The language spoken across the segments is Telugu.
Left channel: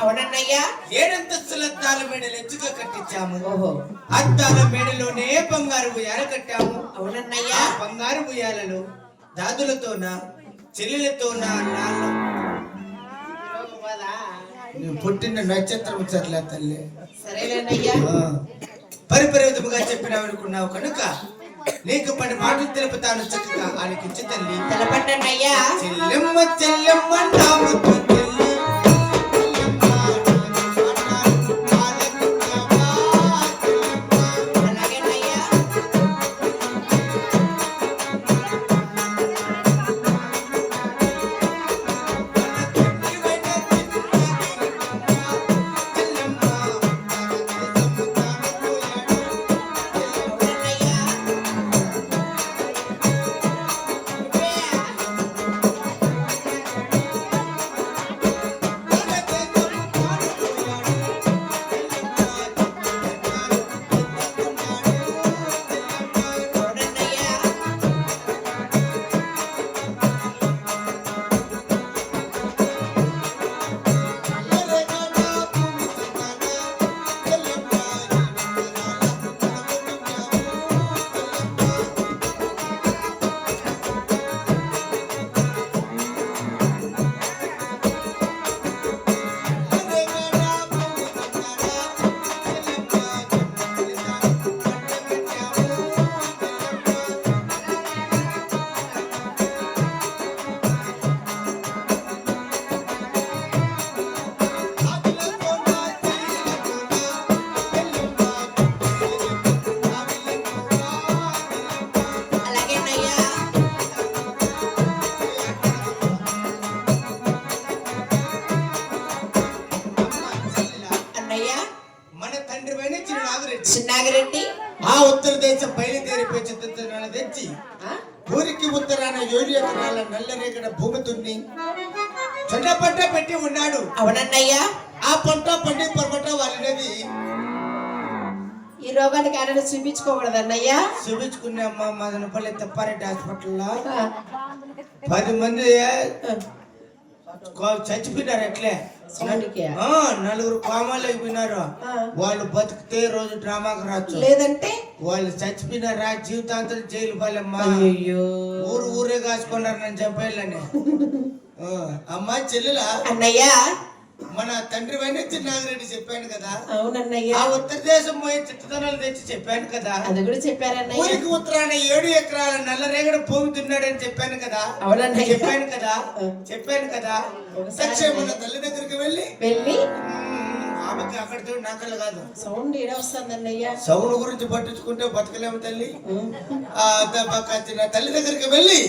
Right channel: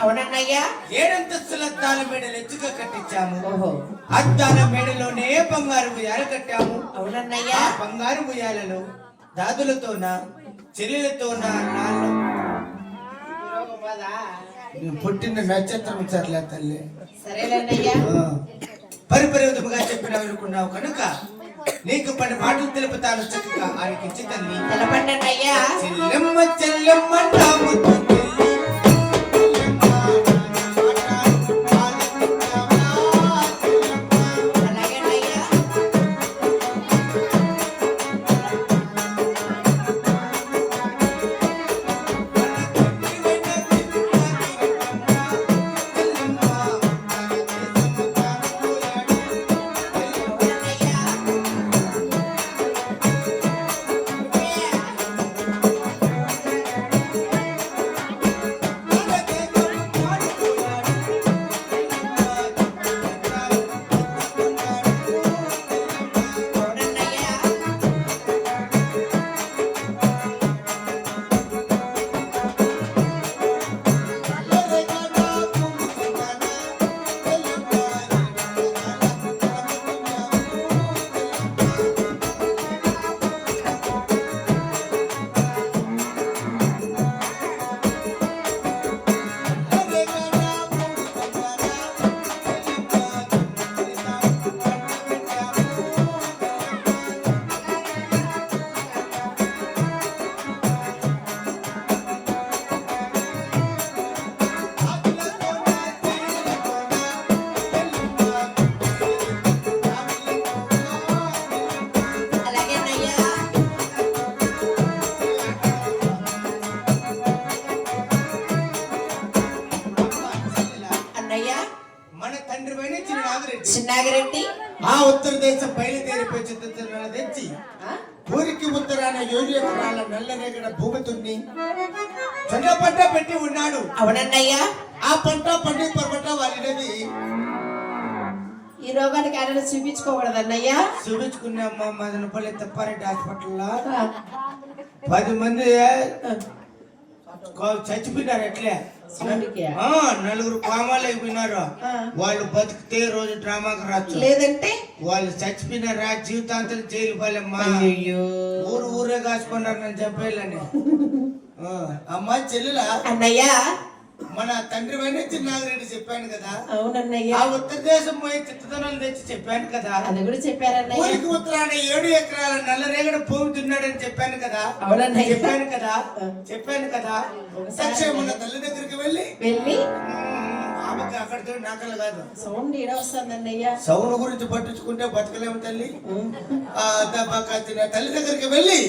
అవునన్నయ్యా 7 అంతస్తుల అద్దాల మేడలు ఎత్తుగా కట్టించాము. అద్దాల మేడలోనే బంగారు ఉయ్యాల కట్టాము. అవునన్నయ్యా బంగారు ఉయ్యాలలో దాదులతోన చెల్లెలతోన అన్నాళ్ళు పుట్టిన నక్షత్రం సర్లే తల్లి. సరేనయ్యా పరిపరివిధముగా చెప్పినావు కనుక నీకు 10 మాటలు తెలుపుతాను, చక్కగా ఆలకించు తల్లి. తెలపండన్నయ్యా. చెల్లెమ్మ చెల్లెమ్మ నా ముద్దు చెల్లి, అలాగేనయ్యా. చిన్నాగిరెడ్డి ఆ ఉత్తర దేశం బయలుదేరిపోయి చిత్తున్న తెచ్చి ఊరికి ఉత్తరాన 7 ఎకరాల నల్లరేగడ భూమి దున్ని జొన్న పంట పెట్టి ఉన్నాడు. అవునన్నయ్యా. ఆ పంట పండి పొరపట వాళ్ళది. ఈ రోగానికి ఆయన చూపించుకోకూడదు అన్నయ్యా. చూపించుకున్నామ్మా మదనపల్లి తెప్పారెడ్డి హాస్పిటల్లో 10 మంది చచ్చిపోయినారు. ఎట్లే 4 కోమాలు అయిపోయినారు. వాళ్ళు బతికితే రోజు డ్రామాకి రాచ్చు, లేదంటే వాళ్ళు చచ్చిపోయినారా జీవితాంతం జైలు పాలమ్మా. ఊరే కాసుకున్నారు నన్ను చంపేయాలని. అమ్మా చెల్లెలా అన్నయ్యా, మన తండ్రి పైన చిన్నాగిరెడ్డి చెప్పాను కదా. అవునన్నయ్యా. ఆ ఉత్తర దేశం పోయి చిత్తదనాలు తెచ్చి చెప్పాను కదా. అది కూడా చెప్పారన్నయ్య. ఊరికి ఉత్తరాన 7 ఎకరాల నల్లరేగడ భూమి దున్నాడని చెప్పాను కదా. అవునన్నయ్య. చెప్పాను కదా. సత్యమన్న తల్లి దగ్గరికి వెళ్ళి ఆమెకి అక్కడితో నాకలు కాదు సౌండ్ ఏడ వస్తుందన్నయ్య. సౌండ్ గురించి పట్టించుకుంటే బతకలేము తల్లి. తల్లి దగ్గరికి వెళ్ళి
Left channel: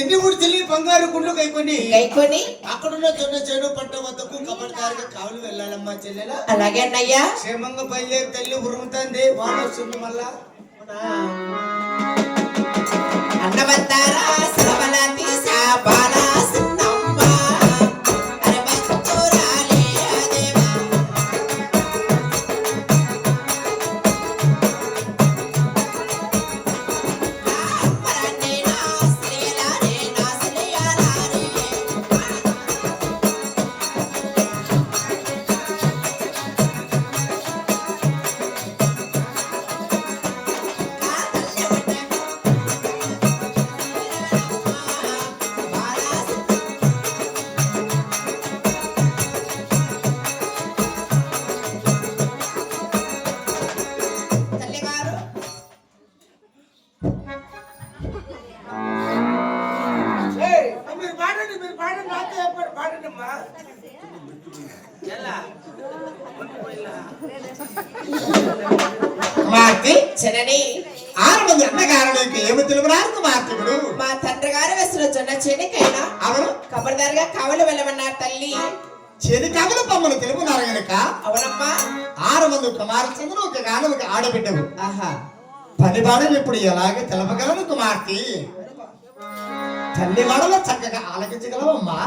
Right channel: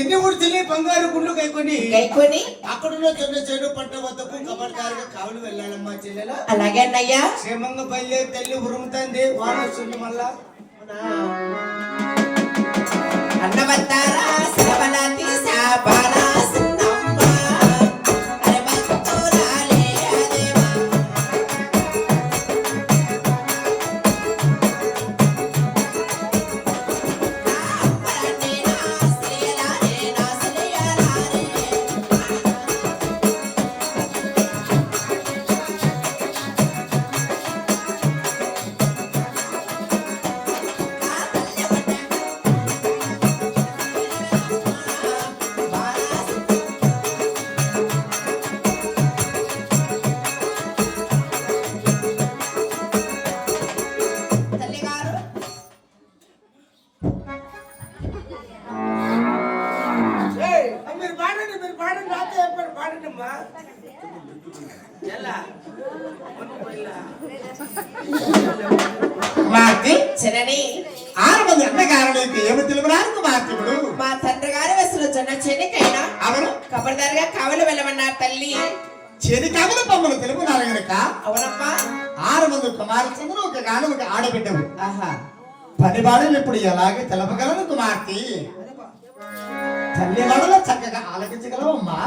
ఎన్ని గుడిచి బంగారు గుండ్లు కైకొని అక్కడున్న జొన్న చెడు పంట వద్దకు కబడ్దారుగా కావులు వెళ్ళాలమ్మా చెల్లెల. అలాగే అన్నయ్యా. క్షేమంగా బయలుదేరి తల్లి ఉరుముతుంది. వాన వస్తుంది మళ్ళా. అన్నవద్దారా శ్రవణాతి సాబాలా ఏమి తెలుగునారు మార్పుడు. మా తండ్రి గారు వేసిన జొన్న చెనికైనా అవును కబర్దారిగా కావలి వెళ్ళమన్నారు తల్లి. చెనికామలు బొమ్మలు తెలుగునారు గనక. అవునమ్మా. 6 మంది కుమార్తెలు ఒక గాను ఒక ఆడబిడ్డవు. 10 బాణలు ఇప్పుడు ఎలాగే తెలపగలను కుమార్తె. తల్లి వాడలో చక్కగా ఆలకించగలవమ్మా.